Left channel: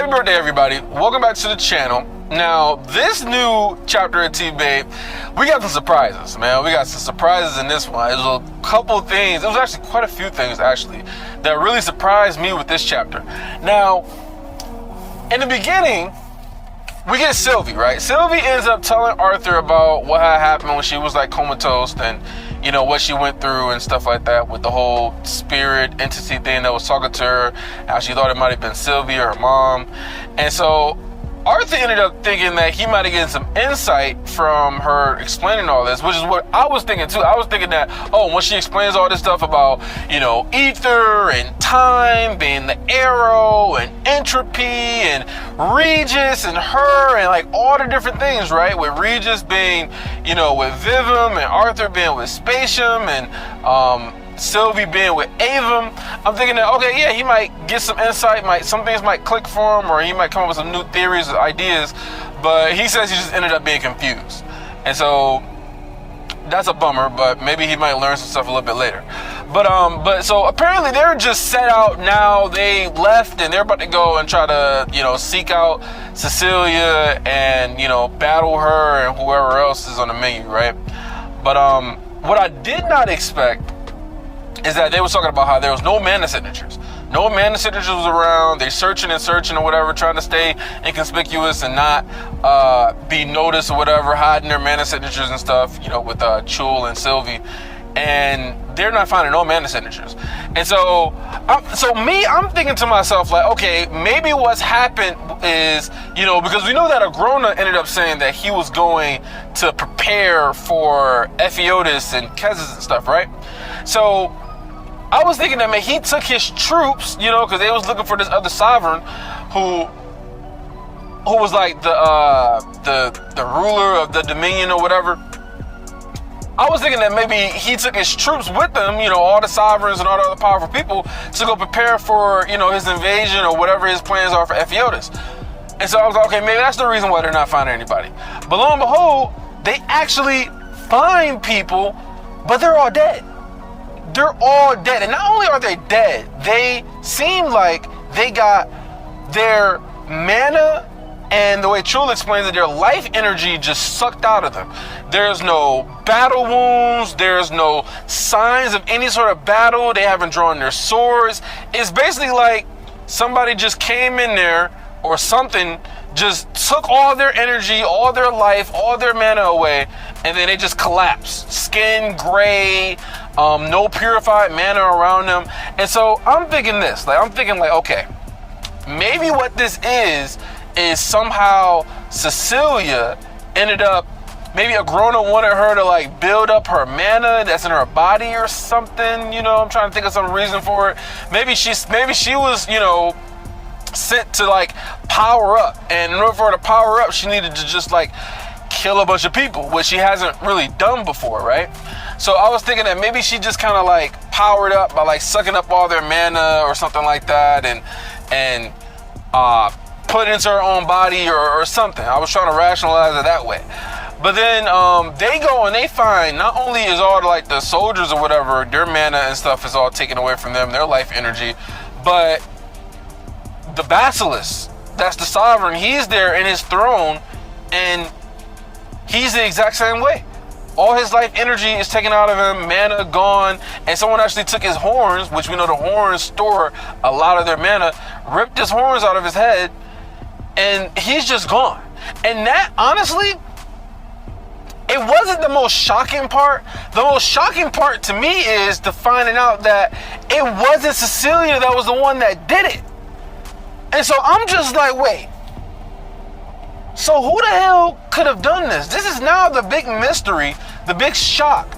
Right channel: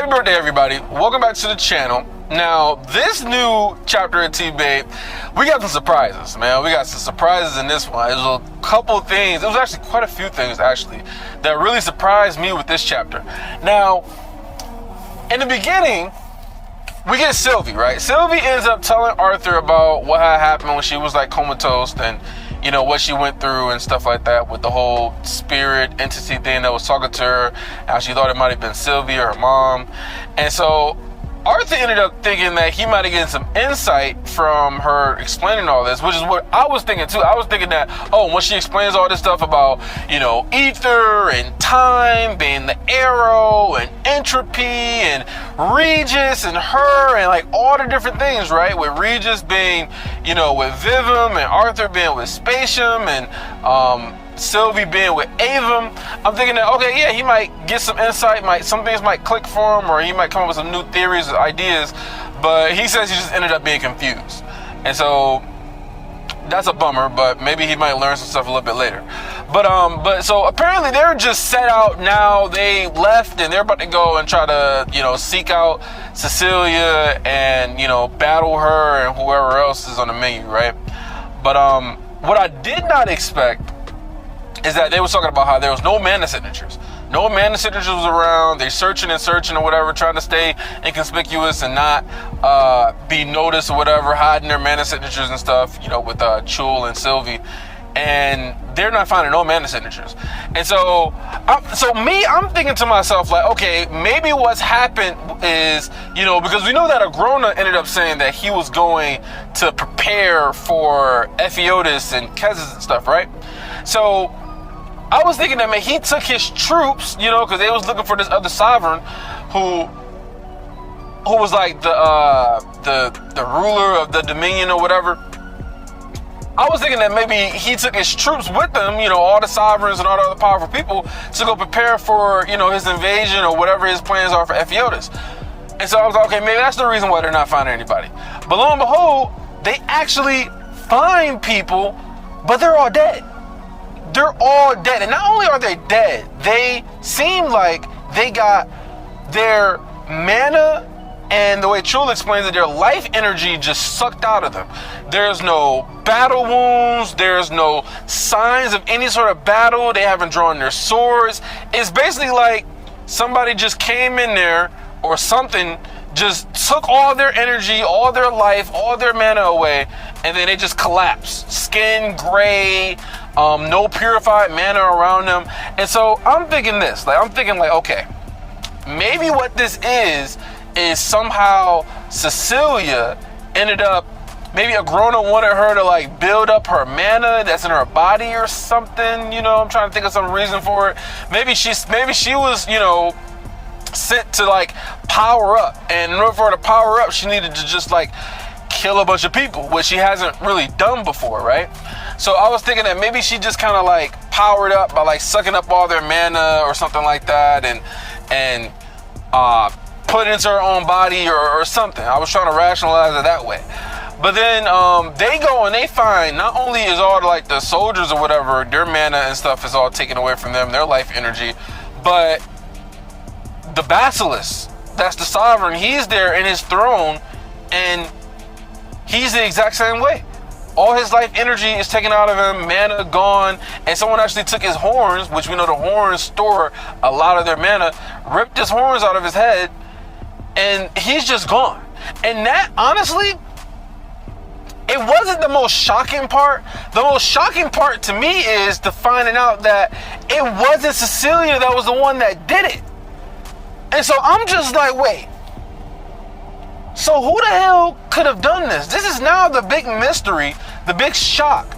Happy birthday, everybody. Welcome back to the channel. Now, this new chapter of T-Babe, we got some surprises, man. We got some surprises in this one. There's a couple things. It was actually quite a few things, actually, that really surprised me with this chapter. Now, in the beginning, we get Sylvie, right? Sylvie ends up telling Arthur about what had happened when she was like comatose and, you know, what she went through and stuff like that with the whole spirit entity thing that was talking to her, how she thought it might have been Sylvie or her mom. And so Arthur ended up thinking that he might have gotten some insight from her explaining all this, which is what I was thinking too. I was thinking that, oh, when she explains all this stuff about, you know, ether and time being the arrow and entropy and Regis and her and like all the different things, right? With Regis being, you know, with Vivim and Arthur being with Spatium and Sylvie being with Avum, I'm thinking that, okay, yeah, he might get some insight, some things might click for him, or he might come up with some new theories or ideas, but he says he just ended up being confused. And so that's a bummer, but maybe he might learn some stuff a little bit later. But so apparently they're just set out now. They left and they're about to go and try to, you know, seek out Cecilia and, you know, battle her and whoever else is on the menu, right? But what I did not expect is that they was talking about how there was no mana signatures. No mana signatures was around. They searching and searching or whatever, trying to stay inconspicuous and not be noticed or whatever, hiding their mana signatures and stuff, you know, with Chul and Sylvie. And they're not finding no mana signatures. And so I'm thinking to myself, like, okay, maybe what's happened is, you know, because we know that Agrona ended up saying that he was going to prepare for Ephiodus and Kezis and stuff, right? So I was thinking that, man, he took his troops, you know, because they was looking for this other sovereign who was like the ruler of the Dominion or whatever. I was thinking that maybe he took his troops with him, you know, all the sovereigns and all the other powerful people, to go prepare for, you know, his invasion or whatever his plans are for Ephiodus. And so I was like, okay, maybe that's the reason why they're not finding anybody. But lo and behold, they actually find people, but they're all dead. They're all dead. And not only are they dead, they seem like they got their mana and the way Chul explains it, their life energy just sucked out of them. There's no battle wounds. There's no signs of any sort of battle. They haven't drawn their swords. It's basically like somebody just came in there or something just took all their energy, all their life, all their mana away, and then it just collapsed. Skin gray, no purified mana around them. And so I'm thinking this, okay, maybe what this is somehow Cecilia ended up, maybe Agrona wanted her to like build up her mana that's in her body or something, you know. I'm trying to think of some reason for it. Maybe she was, you know, sent to like power up, and in order for her to power up, she needed to just like kill a bunch of people, which she hasn't really done before, right? So I was thinking that maybe she just kind of like powered up by like sucking up all their mana or something like that, and put it into her own body or something. I was trying to rationalize it that way. But then they go and they find not only is all the soldiers or whatever, their mana and stuff is all taken away from them, their life energy, but the Basilisk, that's the sovereign, he's there in his throne, and he's the exact same way. All his life energy is taken out of him, mana gone, and someone actually took his horns, which we know the horns store a lot of their mana, ripped his horns out of his head, and he's just gone. And that, honestly, it wasn't the most shocking part. The most shocking part to me is the finding out that it wasn't Cecilia that was the one that did it. And so I'm just like, wait. So who the hell could have done this? This is now the big mystery, the big shock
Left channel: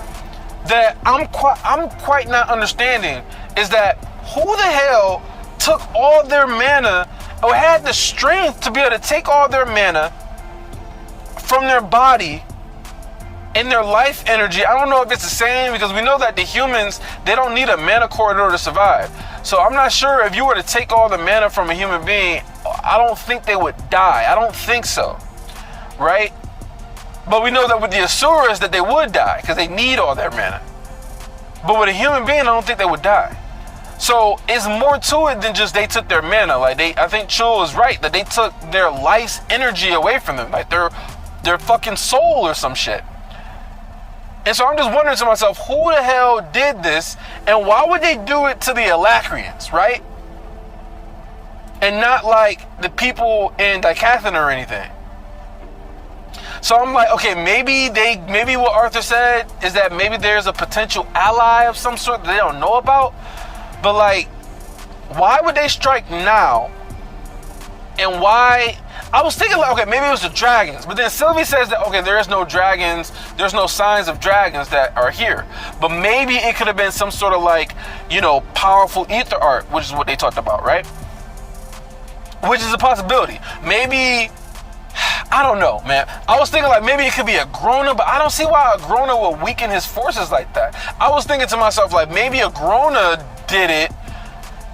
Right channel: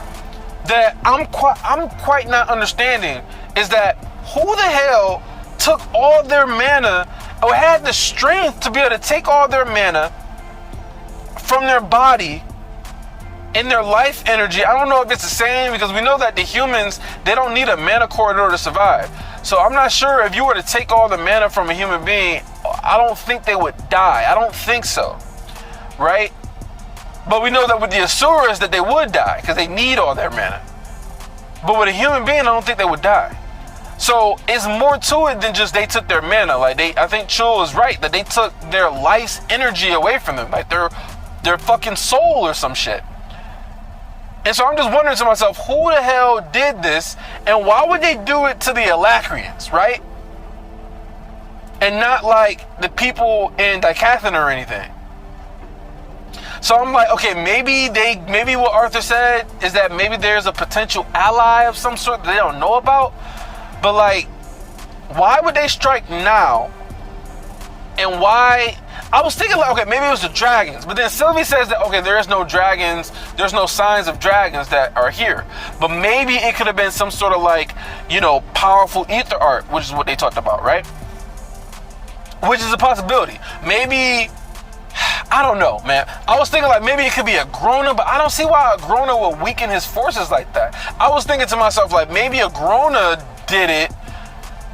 that I'm quite not understanding, is that who the hell took all their mana or had the strength to be able to take all their mana from their body in their life energy. I don't know if it's the same, because we know that the humans, they don't need a mana core in order to survive. So I'm not sure if you were to take all the mana from a human being, I don't think they would die. I don't think so, right? But we know that with the Asuras that they would die because they need all their mana. But with a human being, I don't think they would die. So it's more to it than just they took their mana. Like I think Chul is right that they took their life's energy away from them, like their fucking soul or some shit. And so I'm just wondering to myself, who the hell did this, and why would they do it to the Alacrians, right? And not like the people in Dicathan or anything. So I'm like, okay, maybe what Arthur said is that maybe there's a potential ally of some sort that they don't know about. But like, why would they strike now? And why? I was thinking, like, okay, maybe it was the dragons. But then Sylvie says that, okay, there is no dragons. There's no signs of dragons that are here. But maybe it could have been some sort of like, powerful ether art, which is what they talked about, right? Which is a possibility. Maybe, I don't know, man. I was thinking like maybe it could be a Grona, but I don't see why a Grona would weaken his forces like that. I was thinking to myself like maybe a Grona did it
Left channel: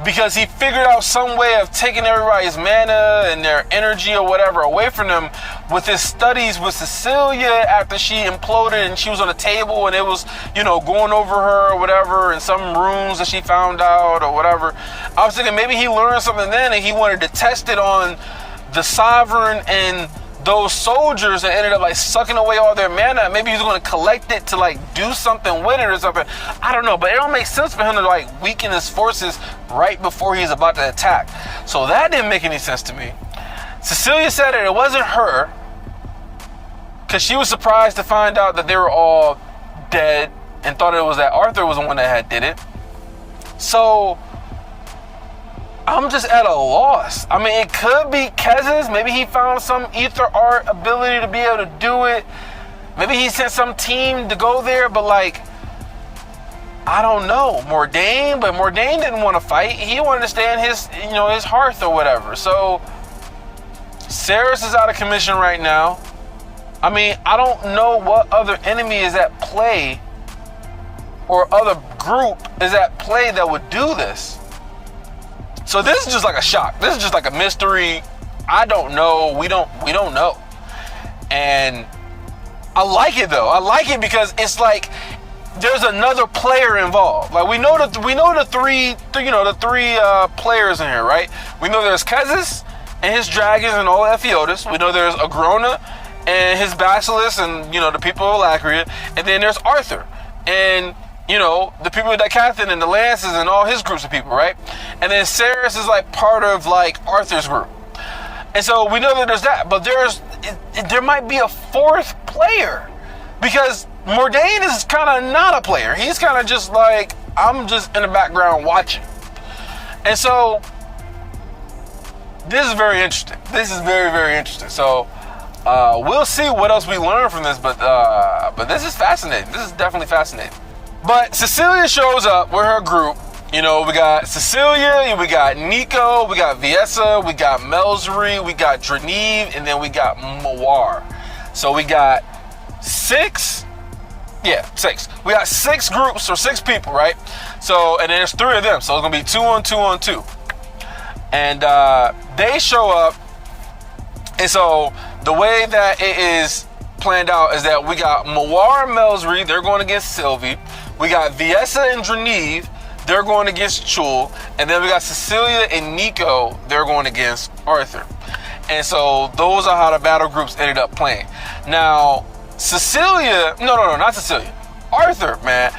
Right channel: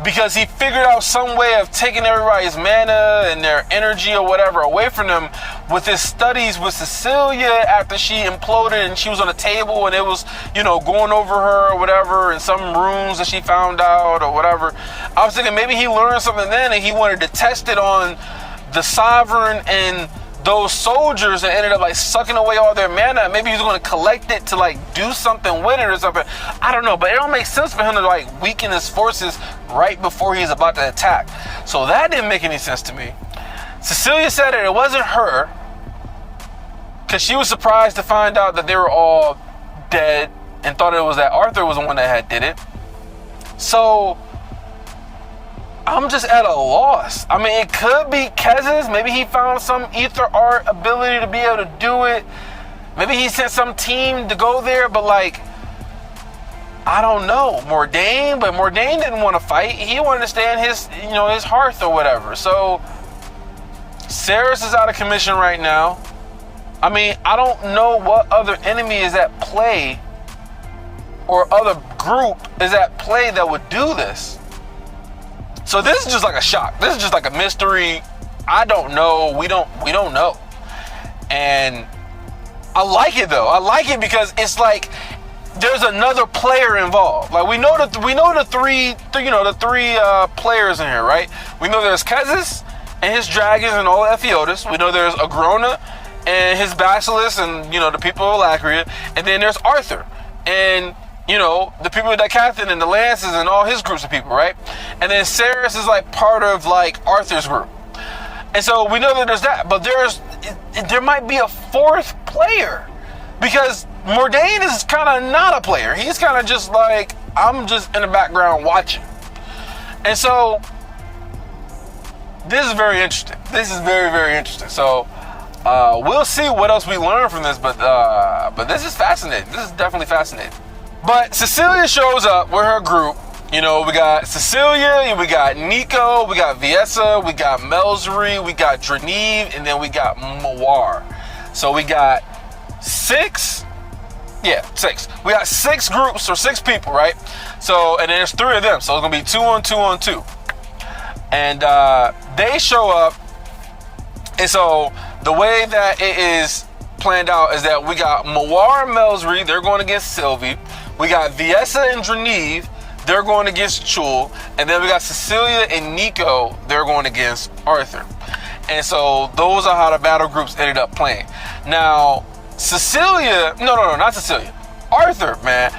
because he figured out some way of taking everybody's mana and their energy or whatever away from them with his studies with Cecilia after she imploded and she was on a table and it was, going over her or whatever in some rooms that she found out or whatever. I was thinking maybe he learned something then and he wanted to test it on the Sovereign and those soldiers that ended up like sucking away all their mana. Maybe he's going to collect it to like do something with it or something. I don't know, but it don't make sense for him to like weaken his forces right before he's about to attack. So that didn't make any sense to me. Cecilia said that it wasn't her because she was surprised to find out that they were all dead and thought it was that Arthur was the one that had did it. So I'm just at a loss. I mean, it could be Kez's. Maybe he found some ether art ability to be able to do it. Maybe he sent some team to go there, but like, I don't know. Mordain, but Mordain didn't want to fight. He wanted to stay in his, his hearth or whatever. So Cerys is out of commission right now. I mean, I don't know what other enemy is at play or other group is at play that would do this. So this is just like a shock. This is just like a mystery. I don't know. We don't know. And I like it though. I like it because it's like there's another player involved. Like we know the three players in here, right? We know there's Kezis and his dragons and all the Ephiodus. We know there's Agrona and his Basilisk and the people of Lacria, and then there's Arthur and the people of Dicathan and the Lances and all his groups of people, right? And then Cerys is like part of like Arthur's group. And so we know that there's that, but there might be a fourth player because Mordain is kind of not a player. He's kind of just like, I'm just in the background watching. And so this is very interesting. This is very, very interesting. So we'll see what else we learn from this, but this is fascinating. This is definitely fascinating. But Cecilia shows up with her group. We got Cecilia, we got Nico, we got Viessa, we got Melzri, we got Draneve, and then we got Mawar. So we got six. We got six groups or six people, right? So, and there's three of them. So it's going to be 2 on 2 on 2. And they show up. And so the way that it is planned out is that we got Mawar and Melzri, they're going against Sylvie. We got Viessa and Draneve, they're going against Chul. And then we got Cecilia and Nico, they're going against Arthur. And so those are how the battle groups ended up playing. Now, Cecilia, no, not Cecilia. Arthur, man,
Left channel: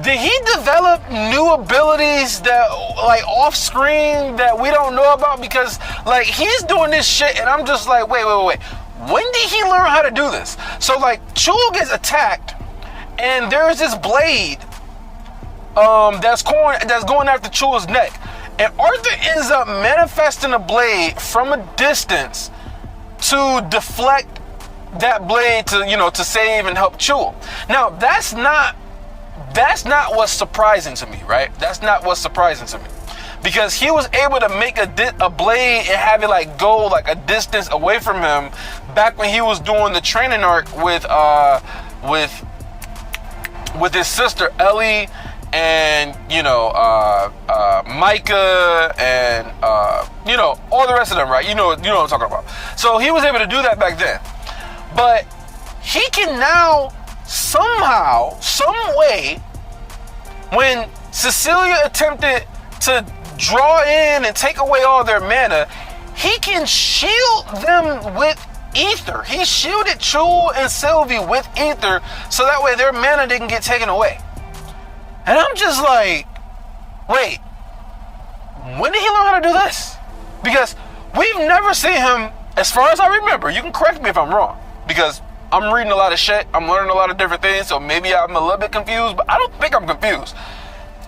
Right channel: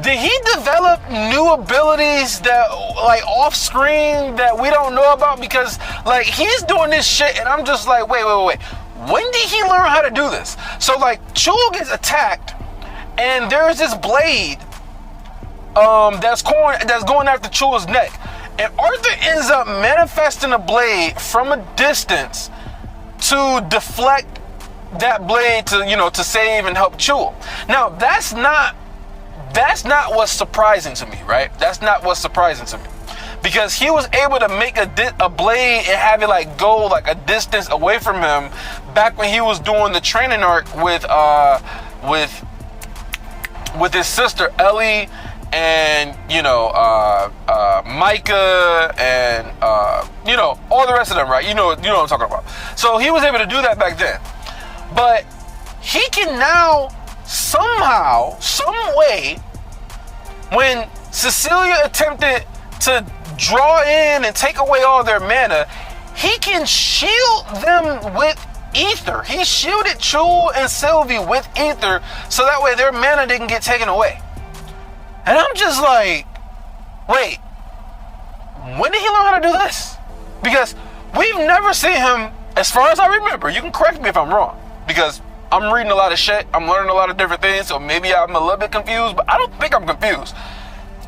did he develop new abilities that, like, off screen that we don't know about? Because, like, he's doing this shit, and I'm just like, wait. When did he learn how to do this? So, like, Chul gets attacked, and there's this blade that's going after Chul's neck. And Arthur ends up manifesting a blade from a distance to deflect that blade to save and help Chul. Now, that's not what's surprising to me, right? That's not what's surprising to me. Because he was able to make a blade and have it like go like a distance away from him back when he was doing the training arc with his sister Ellie and Micah and all the rest of them, right? You know what I'm talking about. So he was able to do that back then. But he can now somehow, some way, when Cecilia attempted to draw in and take away all their mana, he can shield them with ether. He shielded Chul and Sylvie with ether so that way their mana didn't get taken away. And I'm just like, wait, when did he learn how to do this? Because we've never seen him, as far as I remember. You can correct me if I'm wrong, because I'm reading a lot of shit, I'm learning a lot of different things, so maybe I'm a little bit confused, but I don't think I'm confused.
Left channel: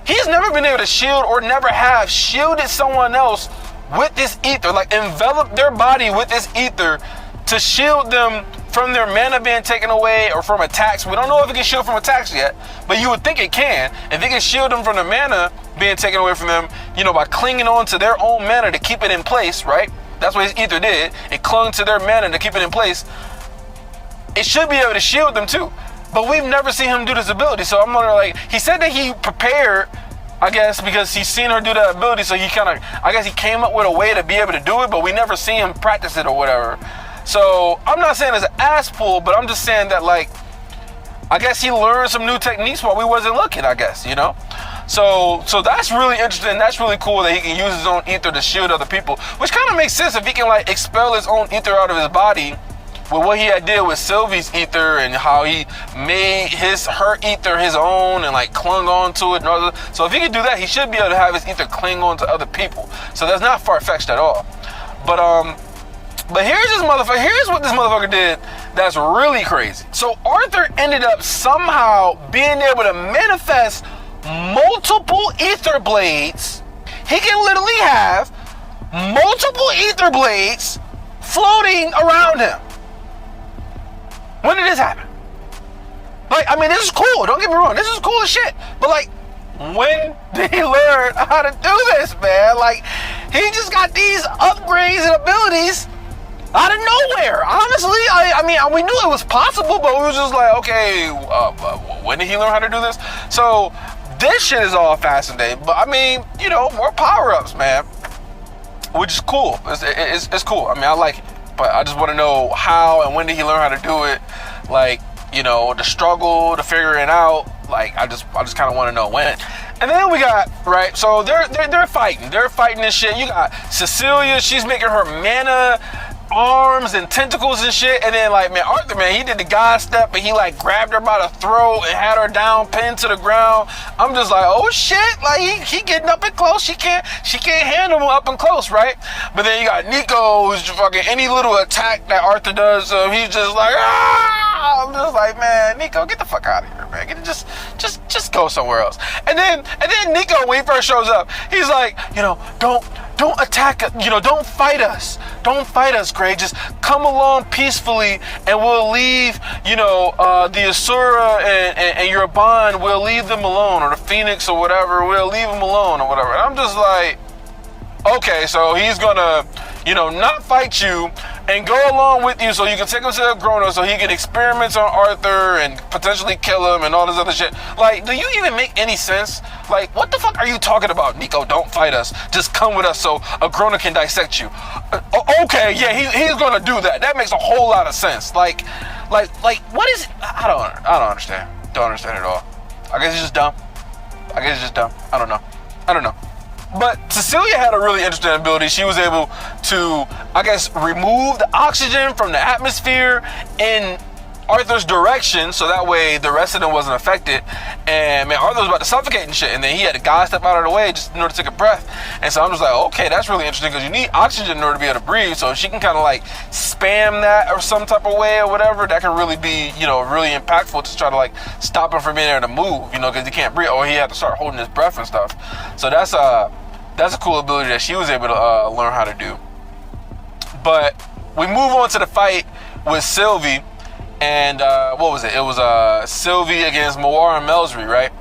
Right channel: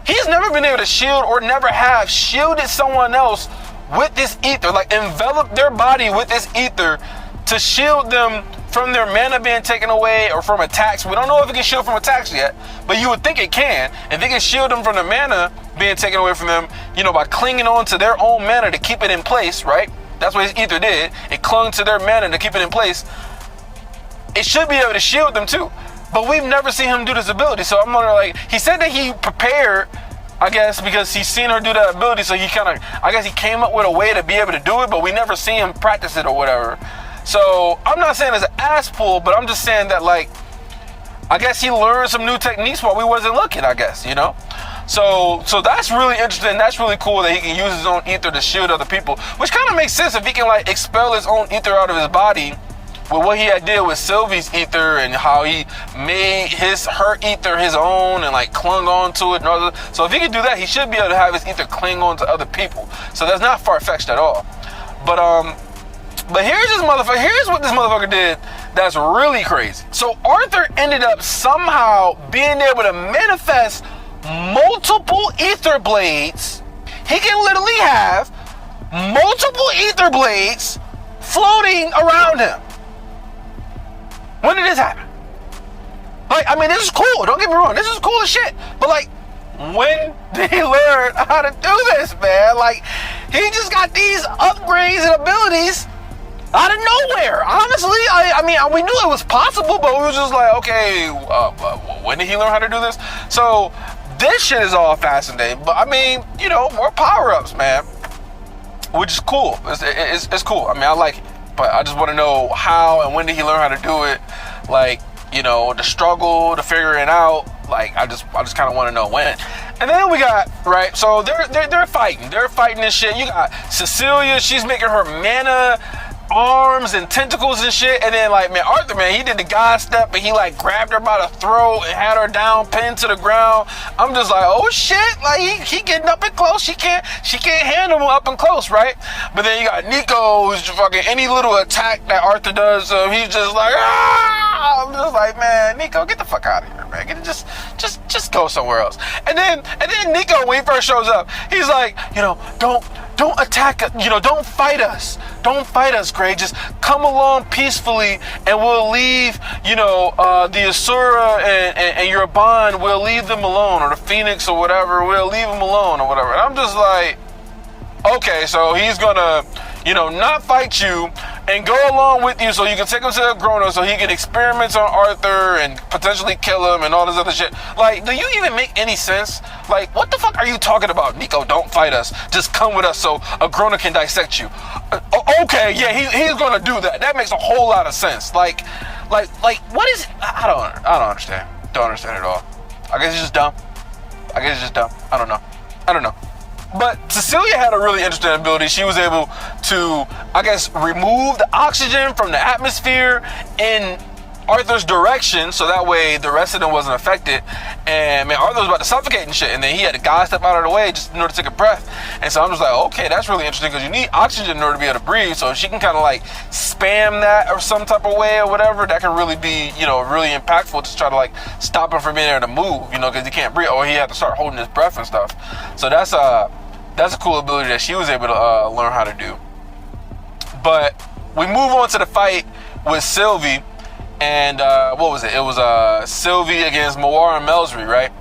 He's never been able to shield, or never have shielded someone else with this ether, like envelop their body with this ether to shield them from their mana being taken away or from attacks. We don't know if it can shield from attacks yet, but you would think it can. If it can shield them from the mana being taken away from them, you know, by clinging on to their own mana to keep it in place, right? That's what his ether did. It clung to their mana to keep it in place. It should be able to shield them too. But we've never seen him do this ability. So I'm wondering, like, he said that he prepared, I guess, because he's seen her do that ability. So he kind of, I guess he came up with a way to be able to do it, but we never seen him practice it or whatever. So I'm not saying it's an ass pull, but I'm just saying that, like, I guess he learned some new techniques while we wasn't looking, I guess, you know? So that's really interesting. That's really cool that he can use his own ether to shield other people, which kind of makes sense if he can, like, expel his own ether out of his body with what he had did with Sylvie's ether and how he made her ether his own and, like, clung on to it and all that. So if he can do that, he should be able to have his ether cling on to other people. So that's not far-fetched at all. But here's what this motherfucker did that's really crazy. So Arthur ended up somehow being able to manifest multiple ether blades. He can literally have multiple ether blades floating around him. When did this happen? Like, I mean, this is cool. Don't get me wrong. This is cool as shit. But, like, when did he learn how to do this, man? Like, he just got these upgrades and abilities out of nowhere. Honestly, I mean, we knew it was possible, but we were just like, okay, when did he learn how to do this? So this shit is all fascinating. But I mean, you know, more power-ups, man, which is cool. It's cool. I mean, I like it, but I just want to know how and when did he learn how to do it? Like, you know, the struggle to figure it out. Like, I just kind of want to know when. And then we got, right, so they're fighting this shit. You got Cecilia, she's making her mana arms and tentacles and shit, and then, like, man, Arthur, man, he did the God step and he, like, grabbed her by the throat and had her down, pinned to the ground. I'm just like, oh shit, like, he getting up and close. She can't handle him up and close, right? But then you got Nico, who's just fucking any little attack that Arthur does, he's just like, ah! I'm just like, man, Nico, get the fuck out of here, man. Just go somewhere else. And then Nico, when he first shows up, he's like, you know, don't attack us, you know, don't fight us. Don't fight us, Craig. Just come along peacefully and we'll leave, you know, the Asura and your bond, we'll leave them alone, or the Phoenix or whatever, we'll leave them alone or whatever. And I'm just like, okay, so he's gonna, you know, not fight you and go along with you so you can take him to Agrona so he can experiment on Arthur and potentially kill him and all this other shit. Like, do you even make any sense? Like, what the fuck are you talking about, Nico? Don't fight us. Just come with us so Agrona can dissect you. Okay, yeah, he's gonna do that. That makes a whole lot of sense. Like, what is? I don't understand. Don't understand at all. I guess he's just dumb. I don't know. But Cecilia had a really interesting ability. She was able to, I guess, remove the oxygen from the atmosphere in Arthur's direction, so that way the rest of them wasn't affected. And man, Arthur was about to suffocate and shit, and then he had the guy step out of the way just in order to take a breath. And so I'm just like, okay, that's really interesting, because you need oxygen in order to be able to breathe. So if she can kind of like spam that or some type of way or whatever, that can really be, you know, really impactful to try to like stop him from being able to move, you know, because he can't breathe, or he had to start holding his breath and stuff. So that's a cool ability that she was able to learn how to do. But we move on to the fight with Sylvie. And what was it? It was Sylvie against Mawar and Melsry, right?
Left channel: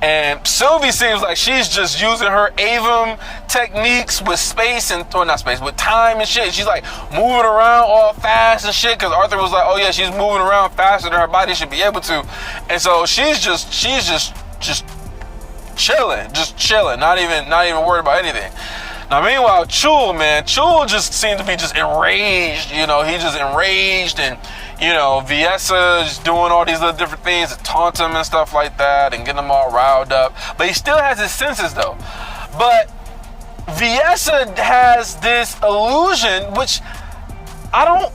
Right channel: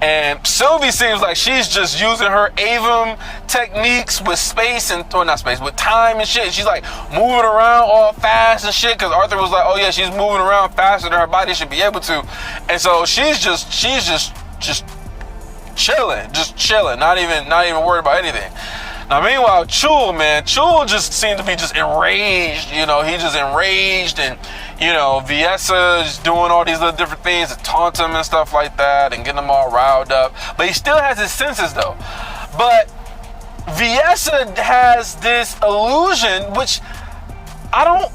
And Sylvie seems like she's just using her Avum techniques with space and, or not space, with time and shit. She's like moving around all fast and shit, because Arthur was like, oh yeah, she's moving around faster than her body should be able to. And so she's just chilling, not even worried about anything. Now, meanwhile, Chul just seemed to be just enraged, you know, he's just enraged, and, you know, Viessa is doing all these little different things to taunt him and stuff like that and getting him all riled up. But he still has his senses, though. But Viessa has this illusion, which I don't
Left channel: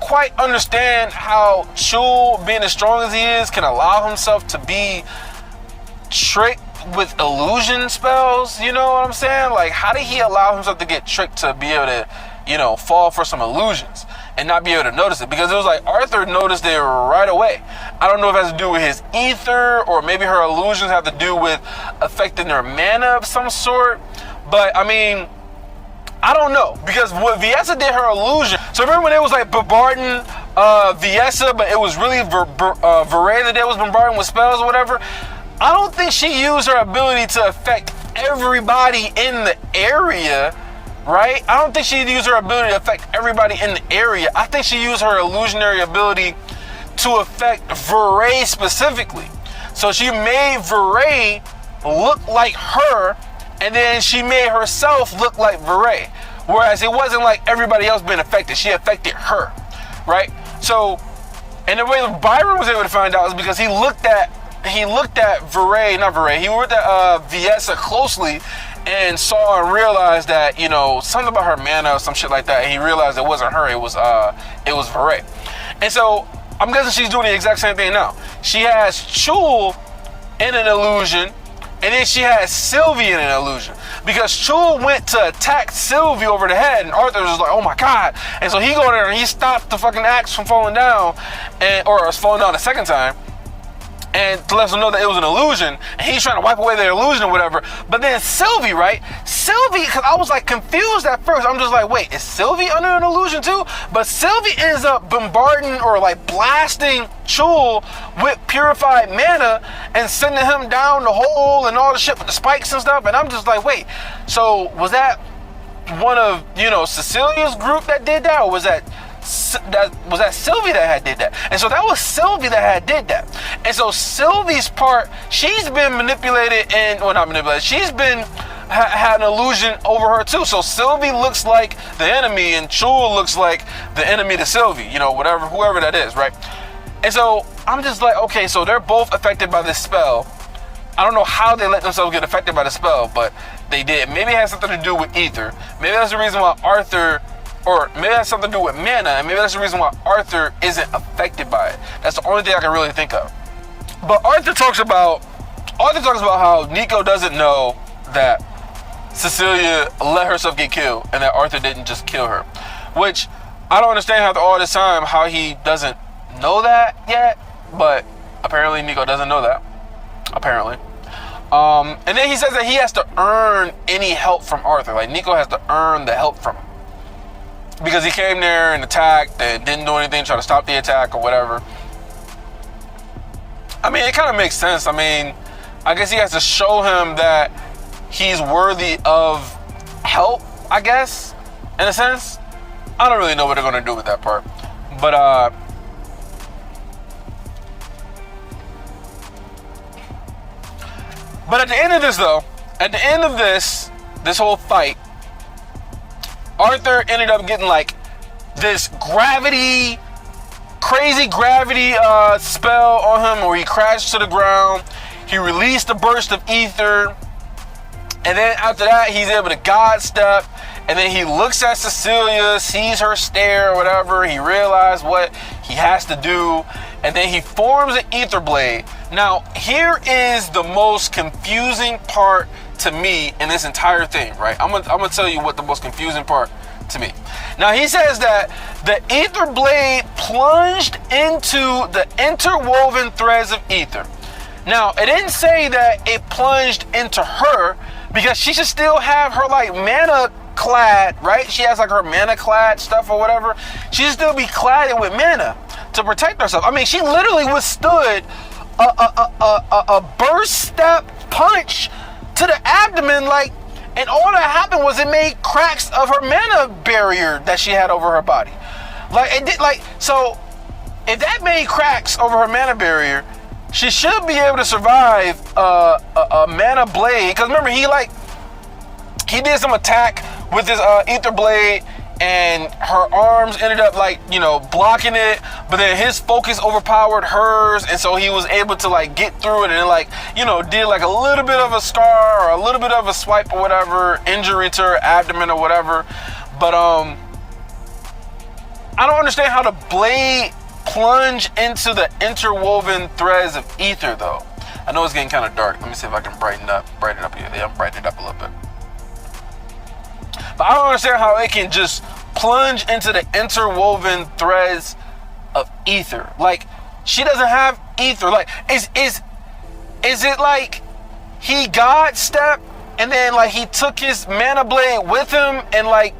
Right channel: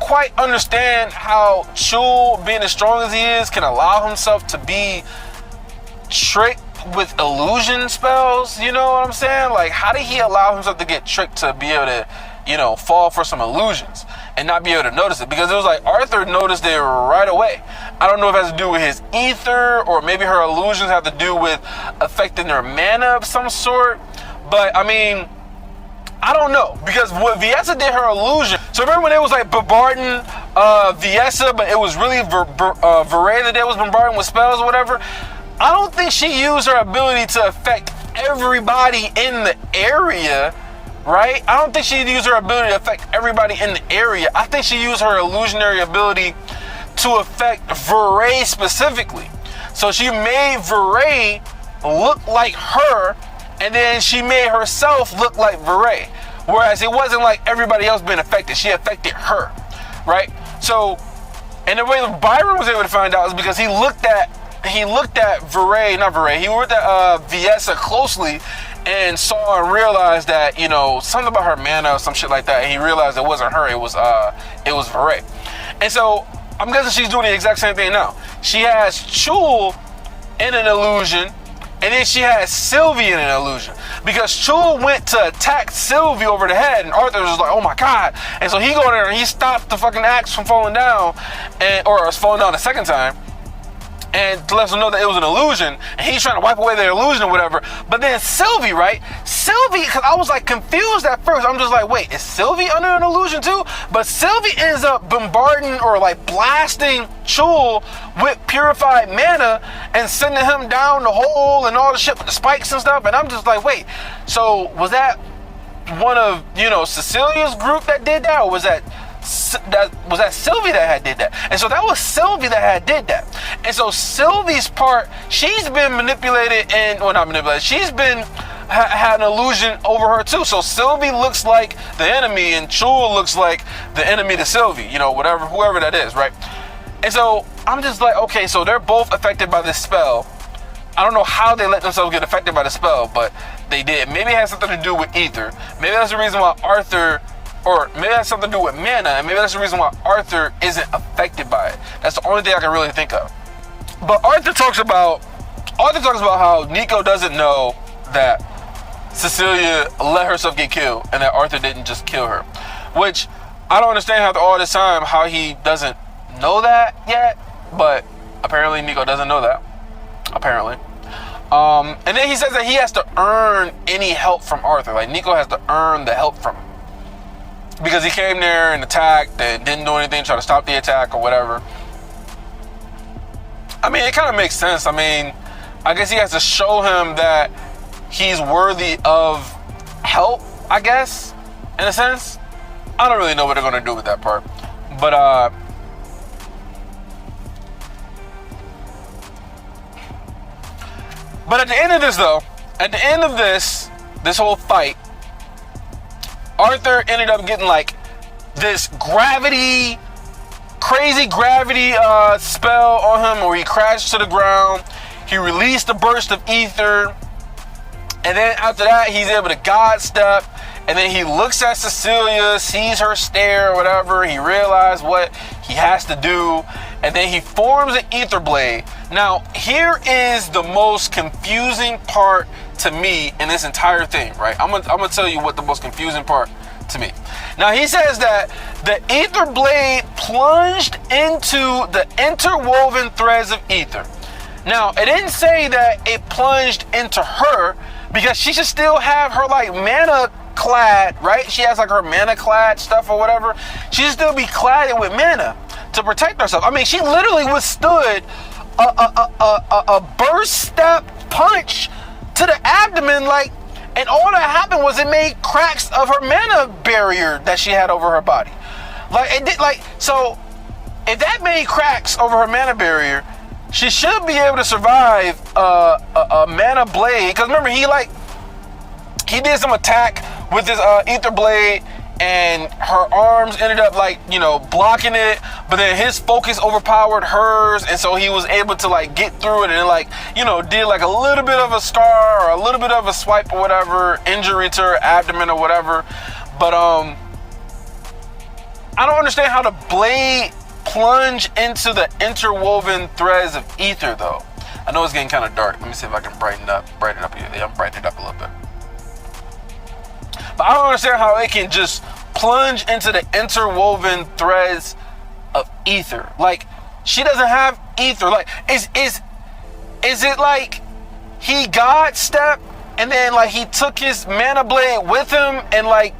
quite understand how Chul, being as strong as he is, can allow himself to be tricked with illusion spells. You know what I'm saying? Like, how did he allow himself to get tricked to be able to, you know, fall for some illusions and not be able to notice it? Because it was like Arthur noticed it right away. I don't know if it has to do with his ether, or maybe her illusions have to do with affecting her mana of some sort. But I mean, I don't know, because what Viessa did, her illusion. So remember when it was like bombarding Viessa, but it was really Verray that was bombarding with spells or whatever? I don't think she used her ability to affect everybody in the area, right? I don't think she used her ability to affect everybody in the area. I think she used her illusionary ability to affect Verray specifically. So she made Verray look like her, and then she made herself look like Verray. Whereas it wasn't like everybody else being affected. She affected her, right? So, and the way Byron was able to find out is because he looked at Viessa closely and saw and realized that, you know, something about her mana or some shit like that, and he realized it wasn't her, it was Verray. And so I'm guessing she's doing the exact same thing now. She has Chul in an illusion, and then she has Sylvie in an illusion. Because Chul went to attack Sylvie over the head, and Arthur was like, oh my god. And so he go in there and he stopped the fucking axe from falling down, or it was falling down the second time, and to let them know that it was an illusion, and he's trying to wipe away their illusion or whatever. But then Sylvie, right? Sylvie, because I was like confused at first. I'm just like, wait, is Sylvie under an illusion too? But Sylvie ends up bombarding or like blasting Chul with purified mana and sending him down the hole and all the shit with the spikes and stuff. And I'm just like, wait, so was that one of, you know, Cecilia's group that did that, or was that Sylvie that had did that? And so that was Sylvie that had did that. And so Sylvie's part, she's been manipulated, and well, not manipulated, she's been had an illusion over her too. So Sylvie looks like the enemy, and Chul looks like the enemy to Sylvie, you know, whatever, whoever that is, right? And so I'm just like, okay, so they're both affected by this spell. I don't know how they let themselves get affected by the spell, but they did. Maybe it has something to do with ether. Maybe that's the reason why Arthur, or maybe that's something to do with mana, and maybe that's the reason why Arthur isn't affected by it. That's the only thing I can really think of. But Arthur talks about how Nico doesn't know that Cecilia let herself get killed, and that Arthur didn't just kill her. Which, I don't understand after all this time how he doesn't know that yet, but apparently Nico doesn't know that. Apparently. And then he says that he has to earn any help from Arthur. Like, Nico has to earn the help from him, because he came there and attacked and didn't do anything, try to stop the attack or whatever. I mean, it kind of makes sense. I mean, I guess he has to show him that he's worthy of help, I guess, in a sense. I don't really know what they're going to do with that part. But at the end of this, though, at the end of this whole fight, Arthur ended up getting like this crazy gravity spell on him, where he crashed to the ground. He released a burst of ether, and then after that, he's able to God step. And then he looks at Cecilia, sees her stare or whatever. He realizes what he has to do, and then he forms an ether blade. Now, here is the most confusing part to me in this entire thing, right? I'm gonna tell you what the most confusing part to me. Now, he says that the ether blade plunged into the interwoven threads of ether. Now, it didn't say that it plunged into her, because she should still have her like mana clad, right? She has like her mana clad stuff or whatever. She should still be clad with mana to protect herself. I mean, she literally withstood a burst step punch to the abdomen, like, and all that happened was it made cracks of her mana barrier that she had over her body. Like, it did, like, so if that made cracks over her mana barrier, she should be able to survive a mana blade. Because remember, he did some attack with his ether blade. and her arms ended up like, you know, blocking it, but then his focus overpowered hers, and so he was able to like get through it, and it like, you know, did like a little bit of a scar or a little bit of a swipe or whatever, injury to her abdomen or whatever. But I don't understand how the blade plunge into the interwoven threads of ether though. I know it's getting kind of dark. Let me see if I can brighten it up here. Yeah, brighten it up a little bit. But I don't understand how it can just plunge into the interwoven threads of ether. Like, she doesn't have ether. Like, is it like he God stepped and then like he took his mana blade with him and like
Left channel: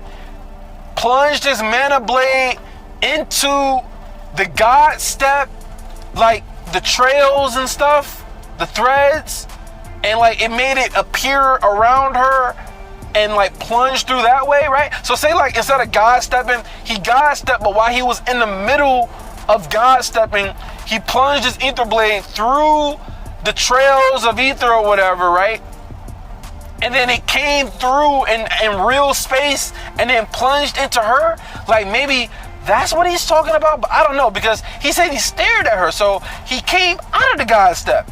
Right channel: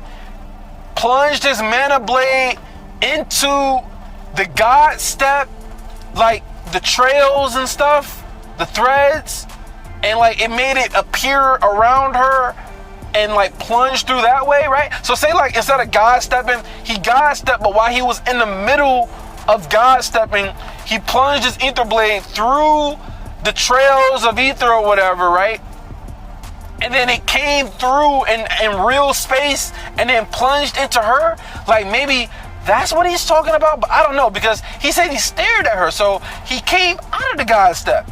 plunged his mana blade into the God step, like the trails and stuff, the threads, and like it made it appear around her and like plunge through that way, right? So say like instead of God stepping, he God stepped, but while he was in the middle of God stepping, he plunged his ether blade through the trails of ether or whatever, right? And then it came through in real space and then plunged into her. Like maybe that's what he's talking about, but I don't know, because he said he stared at her, so he came out of the God step.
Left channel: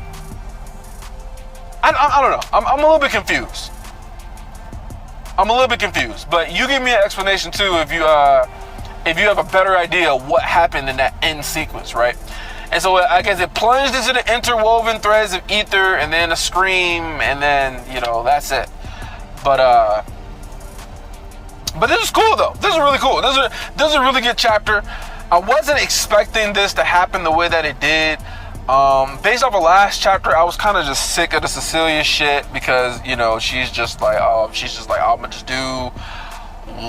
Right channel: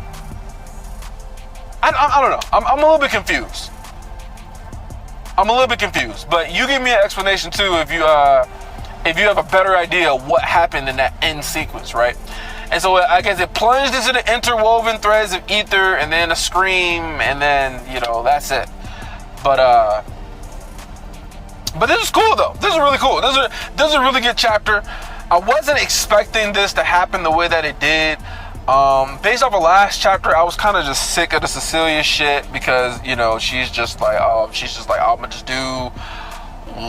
I don't know. I'm a little bit confused. But you give me an explanation too if you have a better idea of what happened in that end sequence, right? And so I guess it plunged into the interwoven threads of ether, and then a scream, and then, you know, that's it. But this is cool though. This is really cool. This is a really good chapter. I wasn't expecting this to happen the way that it did. Based off of last chapter, I was kind of just sick of the Cecilia shit because, you know, she's just like, I'm gonna just do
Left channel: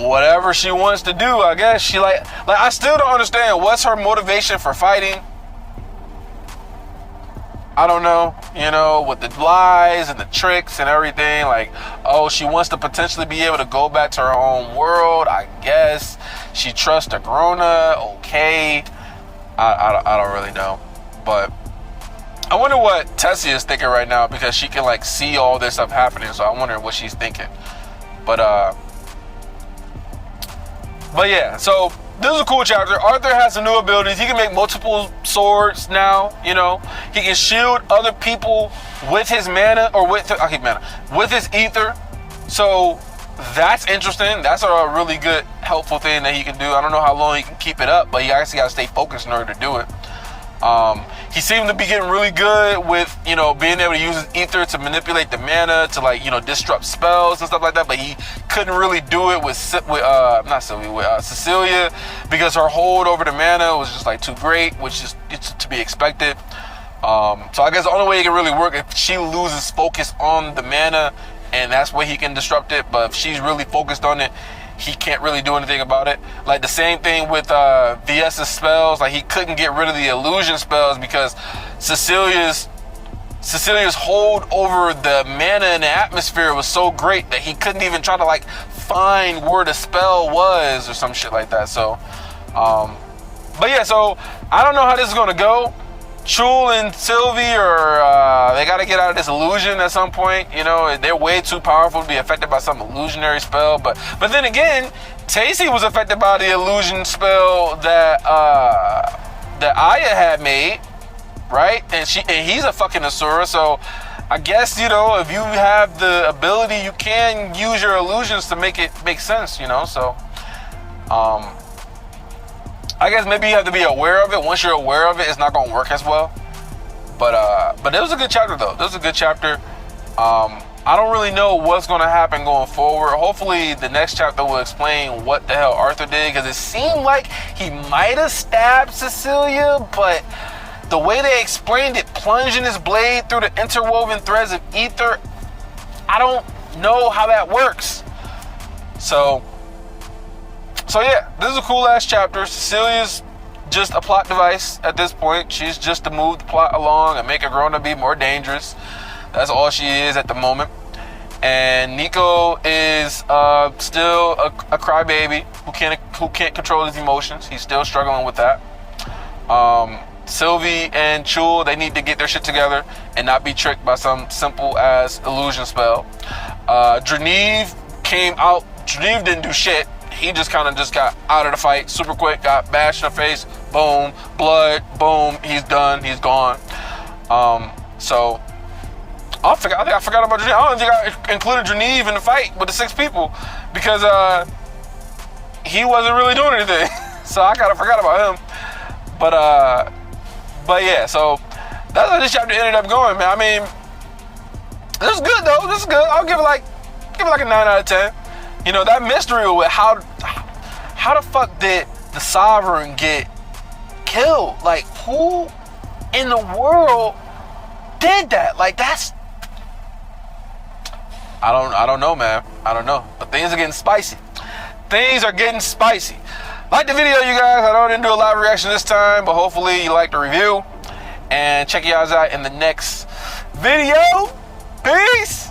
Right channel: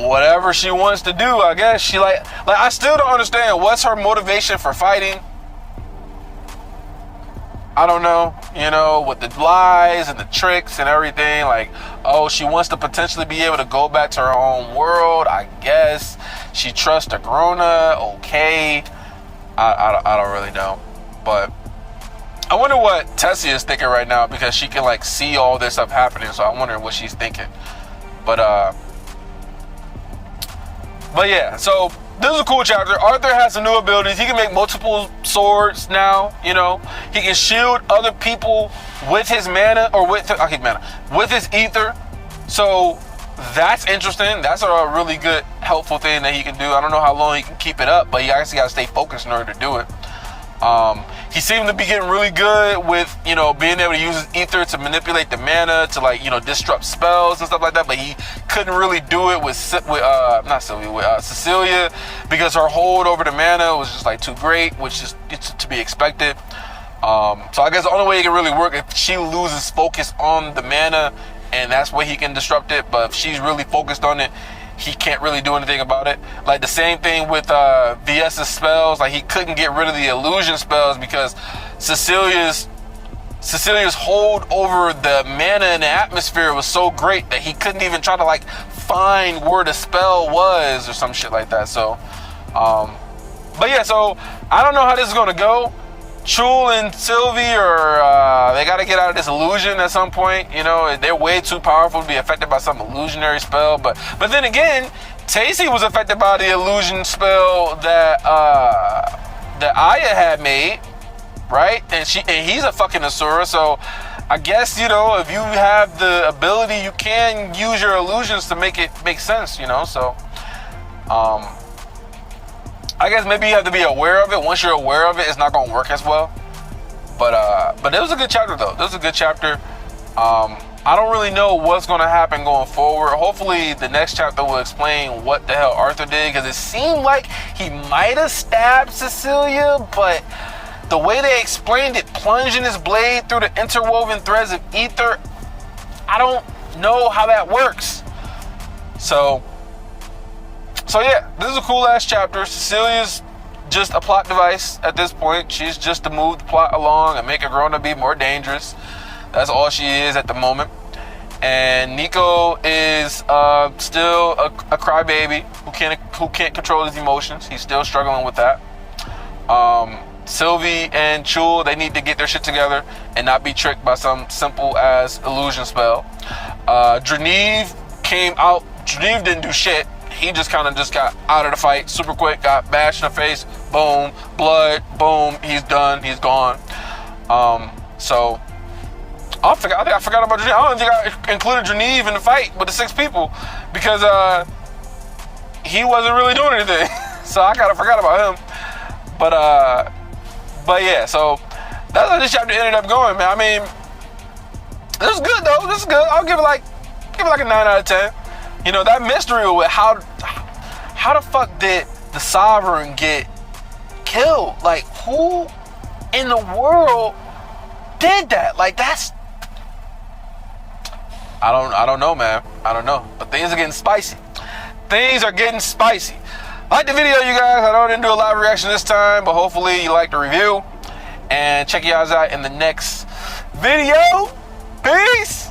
whatever she wants to do. I guess she like I still don't understand what's her motivation for fighting. I don't know, you know, with the lies and the tricks and everything. Like, oh, she wants to potentially be able to go back to her home world. I guess she trusts Agrona. Okay, I don't really know, but I wonder what Tessie is thinking right now, because she can like see all this stuff happening. So I'm wondering what she's thinking. But yeah, so this is a cool chapter. Arthur has some new abilities. He can make multiple swords now, you know. He can shield other people with his mana, or with his ether. So that's interesting. That's a really good, helpful thing that he can do. I don't know how long he can keep it up, but he actually got to stay focused in order to do it. He seemed to be getting really good with, you know, being able to use his ether to manipulate the mana to, like, you know, disrupt spells and stuff like that. But he couldn't really do it with Cecilia, because her hold over the mana was just like too great, which is to be expected. So I guess the only way it can really work if she loses focus on the mana, and that's where he can disrupt it. But if she's really focused on it, he can't really do anything about it. Like the same thing with VS's spells. Like he couldn't get rid of the illusion spells because Cecilia's hold over the mana in the atmosphere was so great that he couldn't even try to like find where the spell was or some shit like that. So, but yeah, so I don't know how this is gonna go. Chul and Sylvie they got to get out of this illusion at some point. You know, they're way too powerful to be affected by some illusionary spell. But then again, Tacy was affected by the illusion spell that Aya had made, right? And he's a fucking Asura. So I guess, you know, if you have the ability, you can use your illusions to make it make sense. You know, so I guess maybe you have to be aware of it. Once you're aware of it, it's not going to work as well. But it was a good chapter, though. It was a good chapter. I don't really know what's going to happen going forward. Hopefully, the next chapter will explain what the hell Arthur did, because it seemed like he might have stabbed Cecilia, but the way they explained it, plunging his blade through the interwoven threads of ether, I don't know how that works. So yeah, this is a cool ass chapter. Cecilia's just a plot device at this point. She's just to move the plot along and make Agrona be more dangerous. That's all she is at the moment. And Nico is still a crybaby who can't control his emotions. He's still struggling with that. Sylvie and Chul, they need to get their shit together and not be tricked by some simple ass illusion spell. Dreniv came out. Dreniv didn't do shit. he just kind of just got out of the fight super quick, got bashed in the face, boom, blood, boom, he's done, he's gone. So I think I forgot about Geneve. I don't think I included Geneve in the fight with the 6 people because he wasn't really doing anything. So I kind of forgot about him. But yeah, so that's how this chapter ended up going, man. I mean, this is good though. This is good. I'll give it like a 9 out of 10. You know, that mystery with how the fuck did the Sovereign get killed? Like, who in the world did that? Like, that's, I don't know, man. I don't know. But things are getting spicy. Things are getting spicy. Like the video, you guys. I know I didn't do a live reaction this time, but hopefully you liked the review. And check you guys out in the next video. Peace.